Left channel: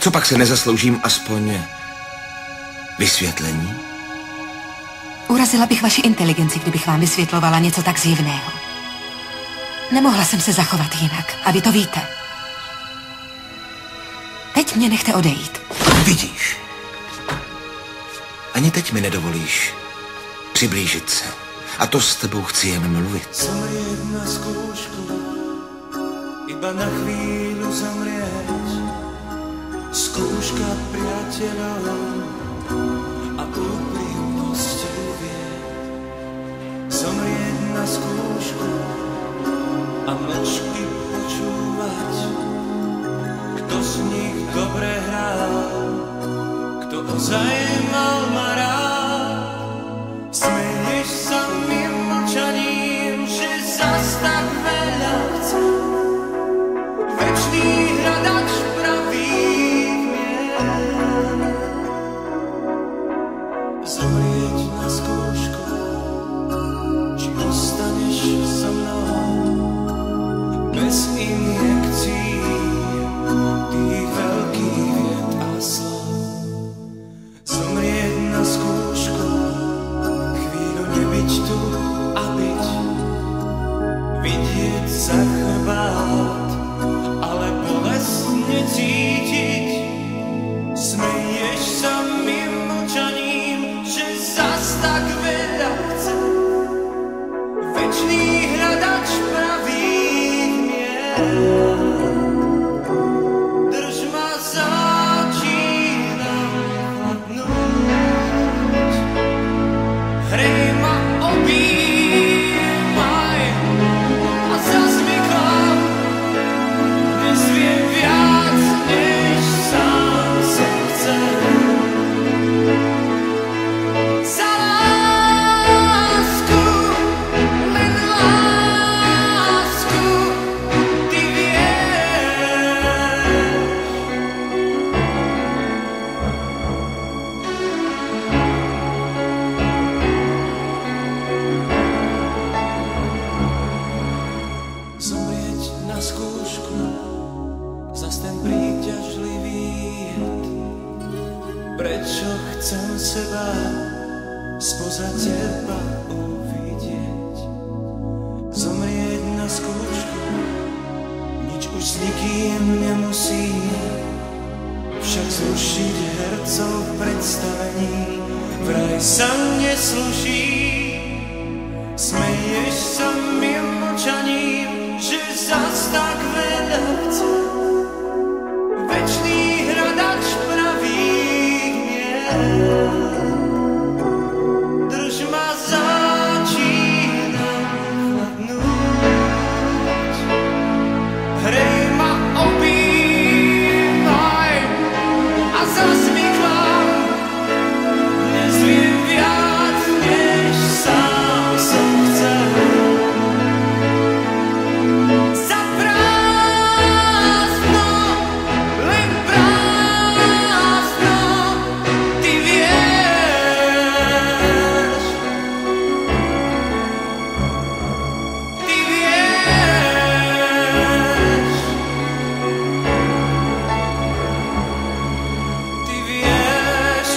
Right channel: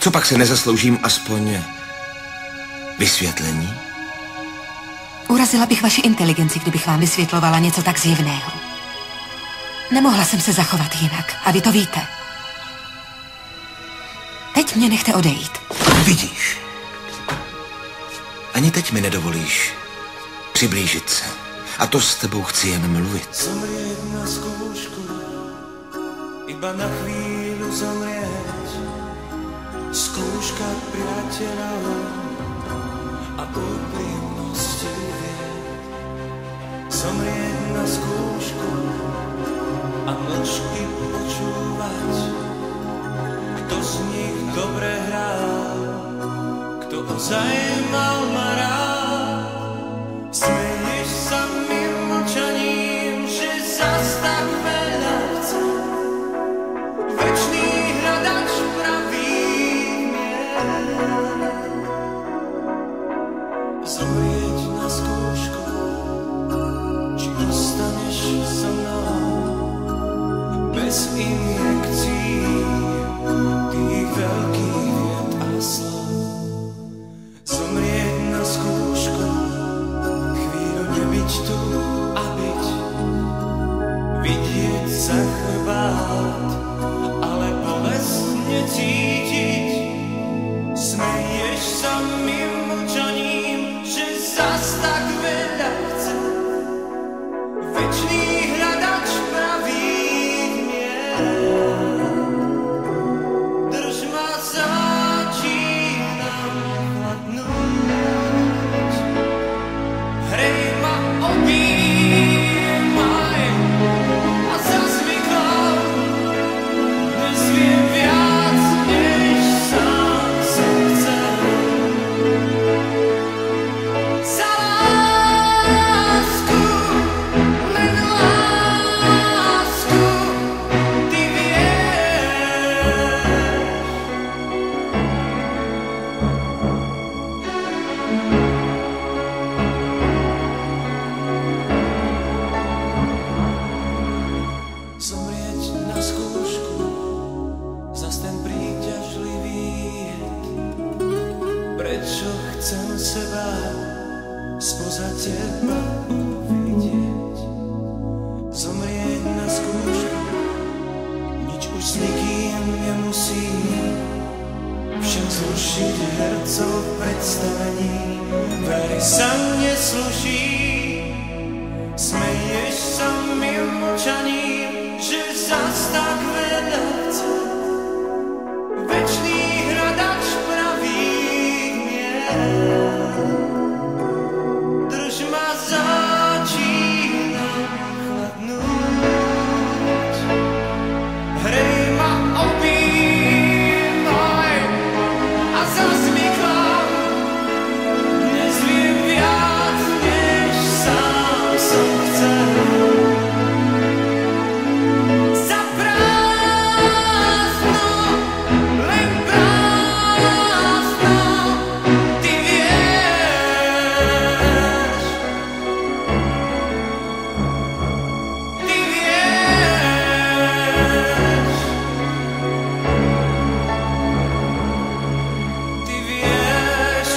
Co pak se nezasloužím aspoň vysvětlení? Urazila bych vaši inteligenci, kdybych vám vysvětlovala něco tak zjevného. Nemohla jsem se zachovat jinak a vy to víte. Teď mě nechte odejít. Vidíš, ani teď mi nedovolíš přiblížit se. A to s tebou chci jen mluvit. Zomrieť na skúšku, iba na chvíľu zomrieť. Skúška priateľov a úprimnosti vied. Zomrieť na skúšku a mlčky počúvať. Kto z nich dobre hral, kto ozaj mal ma rád. Smeješ sa mi mlčaním, že zas tak veľa chcem. Večný hľadač pravých miest. Zomrieť na skúšku, či ostaneš so mnou bez injekcií tých veľkých vied a slov. Zomrieť na skúšku, chvíľu nebyť tu a byť, vidieť za chrbát, ale bolestne cítiť. Smeješ sa mi mlčaním, že zas tak veľa chcem. Večný hľadač pravých miest. Drž ma, začínam chladnúť. Hrej ma, objímaj a zas mi klam. Dnes viem viac, než sám som chcel. Za lásku, len lásku, ty vieš. Zomrieť na skúšku, zas ten príťažlivý jed. Prečo chcem seba spoza teba uvidieť? Zomrieť na skúšku, nič už s nikým nemusím. Však zrušiť hercov v predstavení vraj sa nesluší. Smeješ sa mi mlčaním, že zas tak veľa chcem. Večný hľadač pravých miest. Drž ma, začínam chladnúť. Hrej ma, objímaj a zas mi klam. Dnes viem viac, než sám som chcel. Za prázdno, len prázdno, ty vieš. Ty vieš. Ty vieš. Ty vieš.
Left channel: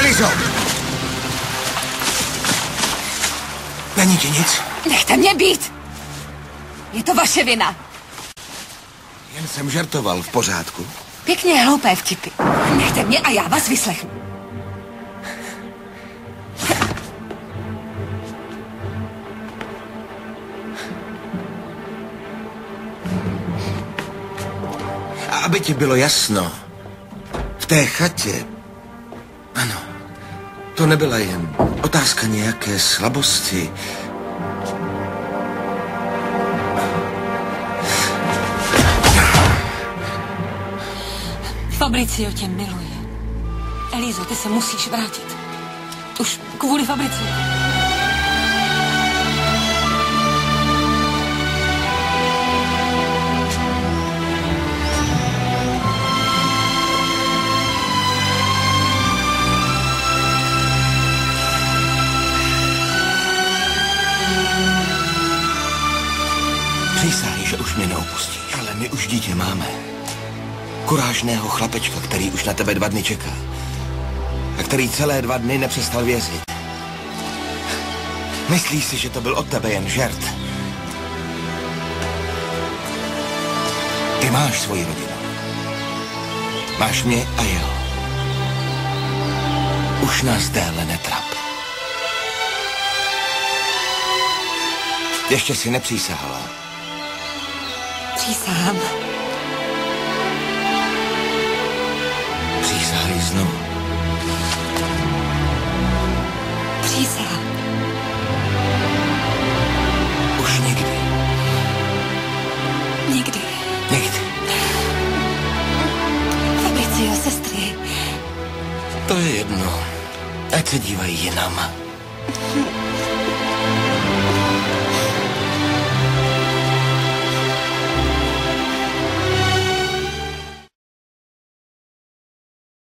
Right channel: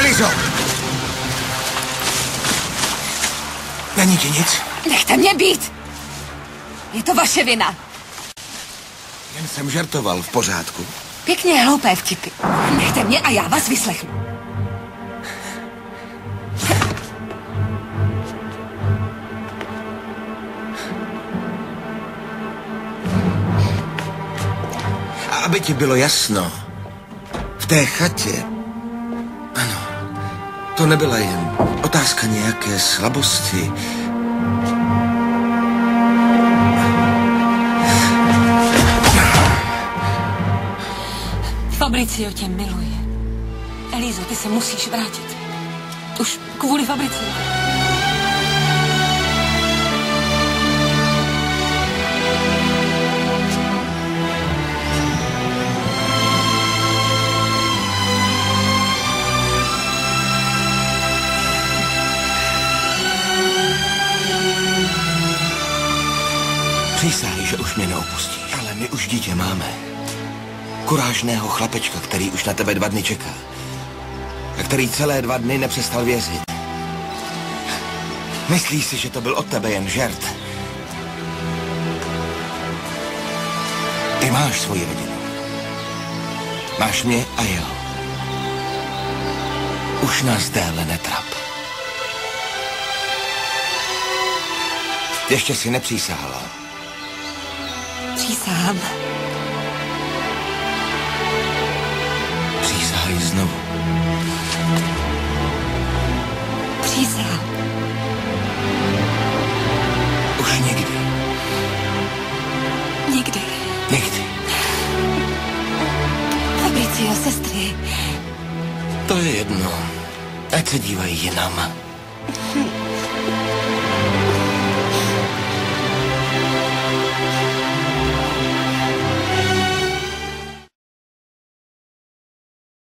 Elizo! Není ti nic? Nechte mě být! Je to vaše vina. Jen jsem žertoval, v pořádku. Pěkně hloupé vtipy. Nechte mě a já vás vyslechnu. aby ti bylo jasno, v té chatě, ano, to nebyla jen otázka nějaké slabosti. Fabricio tě miluje. Elízo, ty se musíš vrátit. Už kvůli Fabricio. Přísahej, že už mě neopustíš. Ale my už dítě máme. Kurážného chlapečka, který už na tebe 2 dny čeká. A který celé 2 dny nepřestal věřit. Myslíš si, že to byl od tebe jen žert? Ty máš svoji rodinu. Máš mě a jeho. Už nás déle netrap. Ještě si nepřísahala. Přísahám. Přísahaj znovu. Přísahám. Už nikdy. Nikdy. Nikdy. Fabricio, sestry. To je jedno. Ať se dívají jinam.